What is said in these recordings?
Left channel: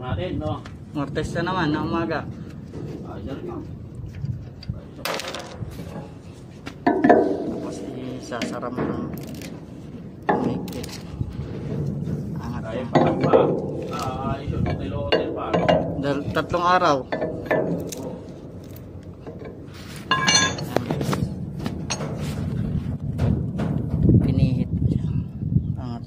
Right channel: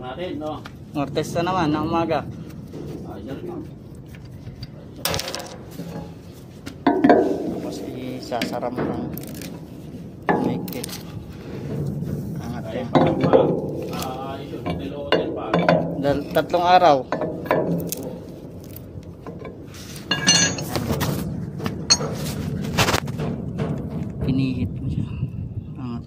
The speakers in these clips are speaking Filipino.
natin, no? Mortesta naman ng umaga. Diyan lang. Tapos isasara mo ng higpit. Angat Kaya yan. pa. Yun, hotel pa. Tatlong araw. Pinihit mo siya. Angat.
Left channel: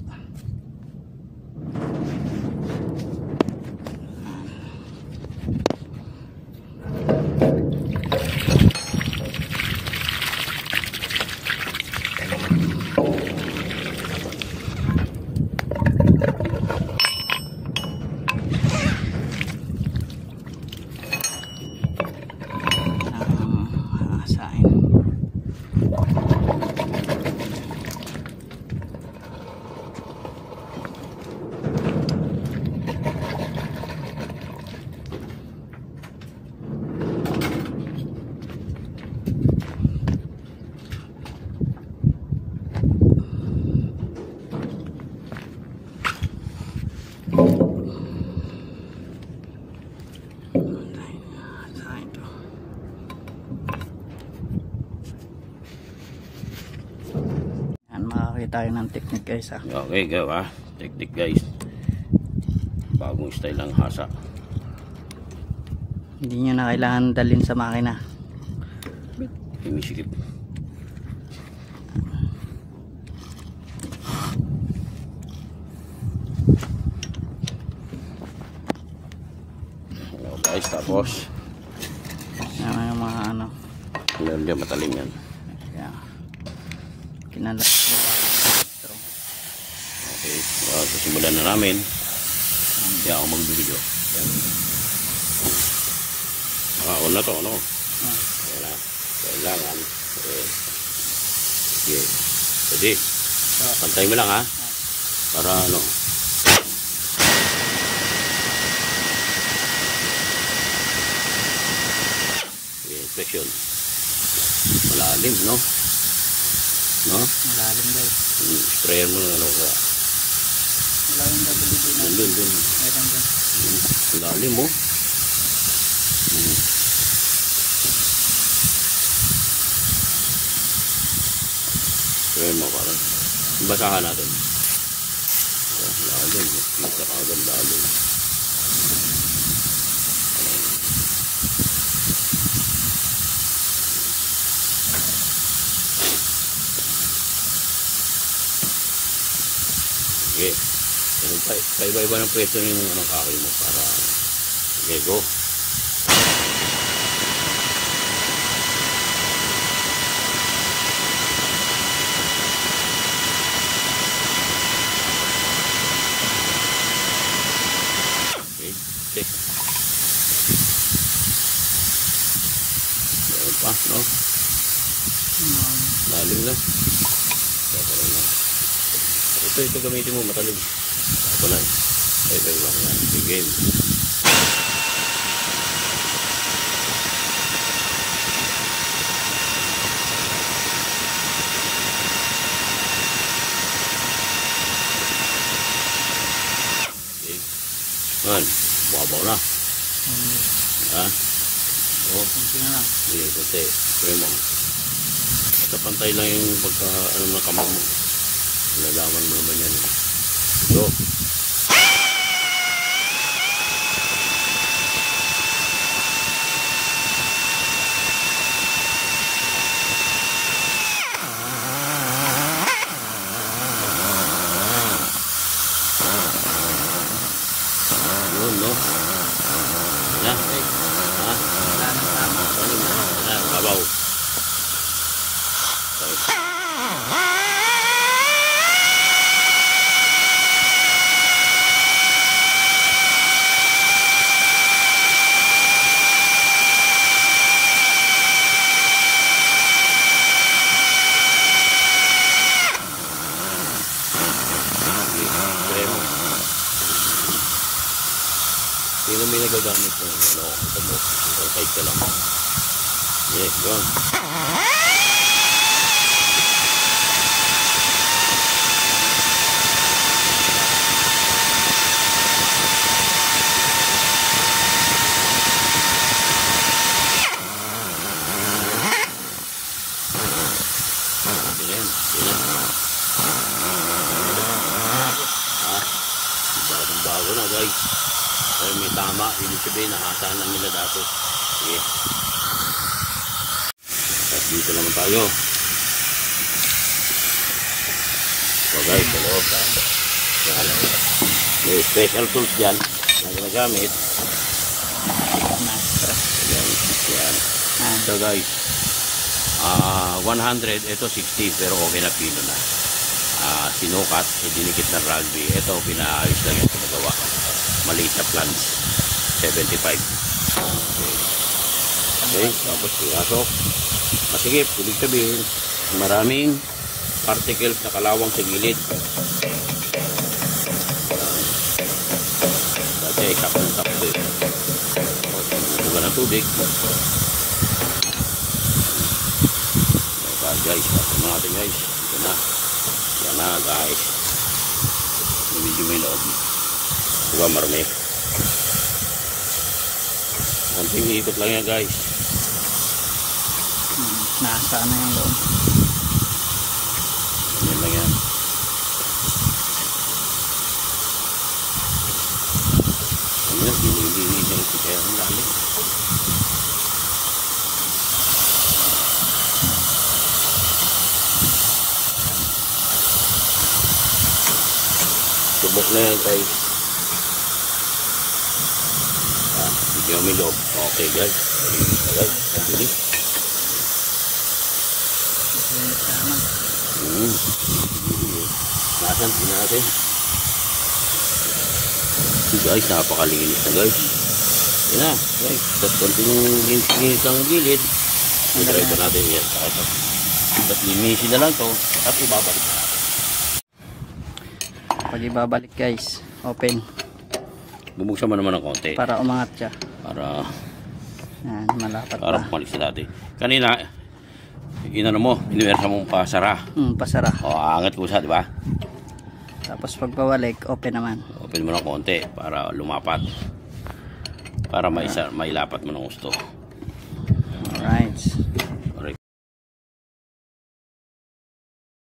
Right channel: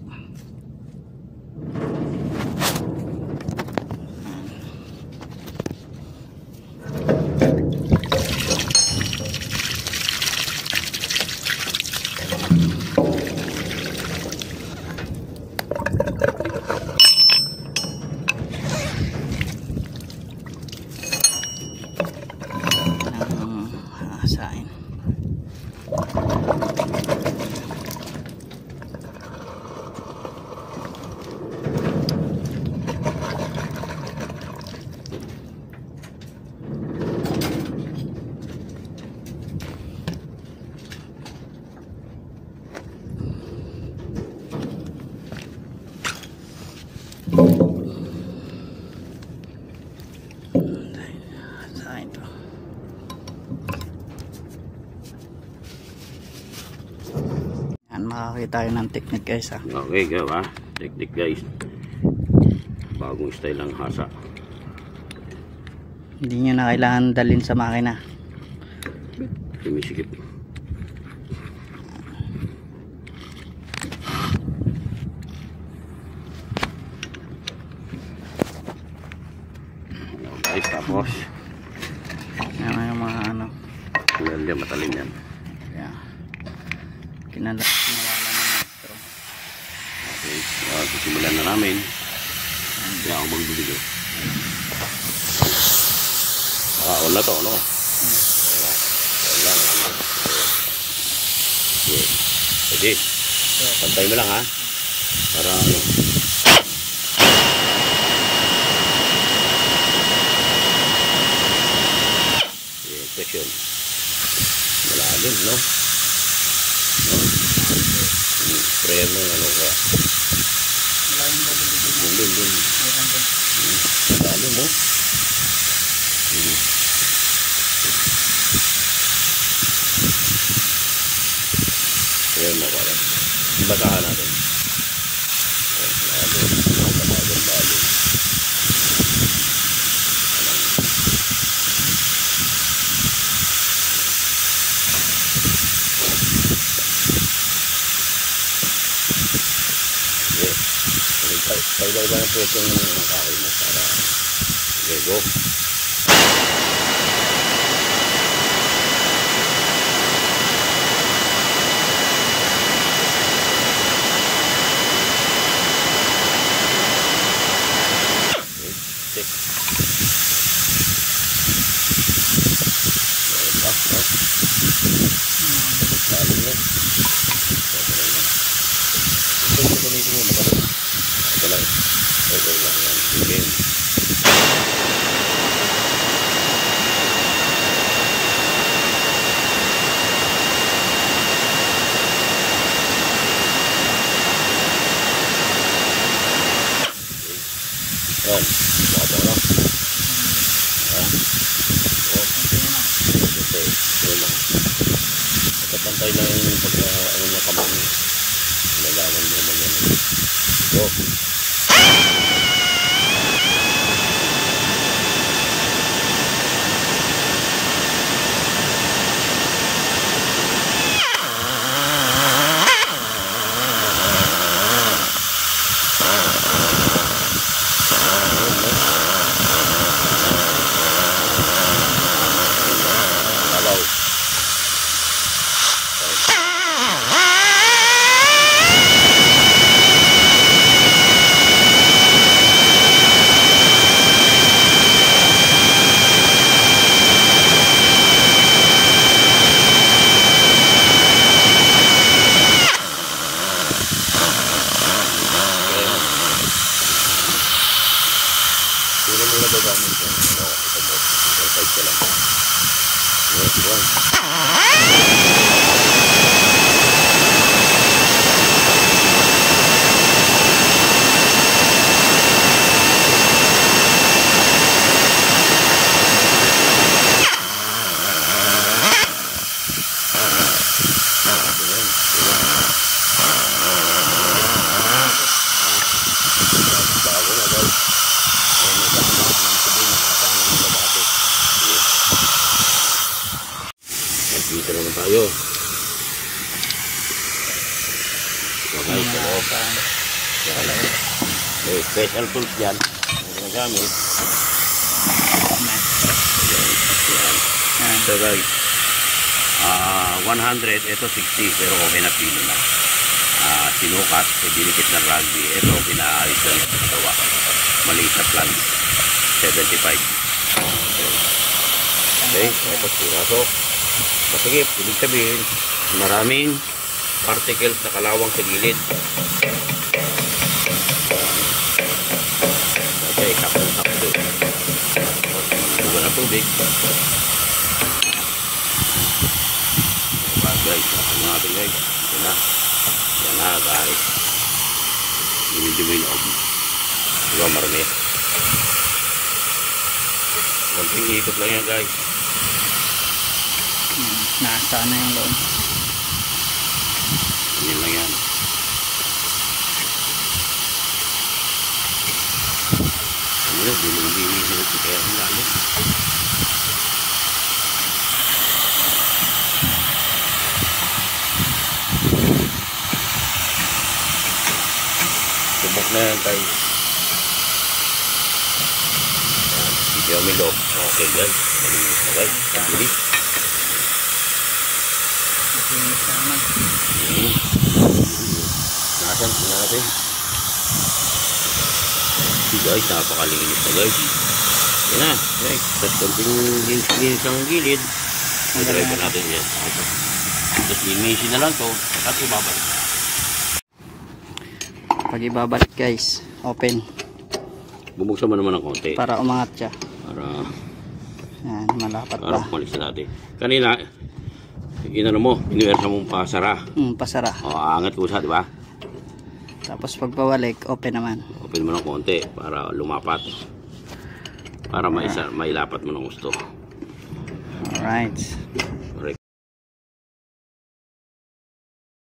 Makakita tayo ng technique guys ha. Okay gawa, technique guys. Bagong style ang hasa. Hindi nyo na kailangan dalhin sa makina. Tumisikip. Guys, tapos yan yung mga ano. Hindi matalim yan. Yeah. Kinala. Okay, simulan na namin. Hindi ako magbibigo. All na to, no? Wala nga. Okay. Pwede. Pantay mo lang ha. Para ano. Okay, pressure. Malalim, no? No? Sprayer mo yung ano ka. Dun. Malalim mo. Sprayer mo parang. Ibatahan natin. Malalim. Iba-iba ng presyo ng kahoy mo para Lego. Lalim na. Ito gamitin mo matalim. Ito lang. Ito lang. Ito lang. Yan. Babaw na. Yan. Ito pantay lang yung pagka ano na kamay mo. Lalaman mo naman yan. Go. Sino mo nagagamit yung ano, ito side ka lang. Yes, yun. sabihin na nasaan lang nila dati. Sige. At dito naman tayo. Magay sa loob. Yan. May special tools dyan na ginagamit. Yan. Yan. So guys, 100, ito 60, pero okay na pino na. Sinukat, dinikit na rugby. Ito, pinaayos na ito magawa. Maliit na plans. 75. Okay, tapos pinasok. Masigip, ibig sabihin, maraming particles na kalawang sa gilid. Okay, sakto-sakto. Buga na tubig. Okay guys, tapos natin guys. Ito na. Yan na guys. Medyo may loob. Diba marami? Konting ikot lang yan guys. Nasa na yung loob. Yan lang yan. Ano, binibigay na ito kaya ang lalim. Subok na yan guys. Video may loob. Okay guys. Okay, ang bilis. Nasaan sino natin? Guys, napakalinis na guys. Yan na guys. Tapos konting linis ang gilid. Try pa natin yan. Tapos linisin na lang ito. Tapos ibabalik. Pag ibabalik guys, open. Bubuksan mo naman ng konti. Para umangat siya. Para malapat para pa. malis na natin. Kanina, inano mo, inuwersa mong pasara. Pasara. O, aangat kusa, di ba? Tapos pag pabalik, open naman. Open mo ng konti para lumapat. Para mailapat mo ng gusto. Alright.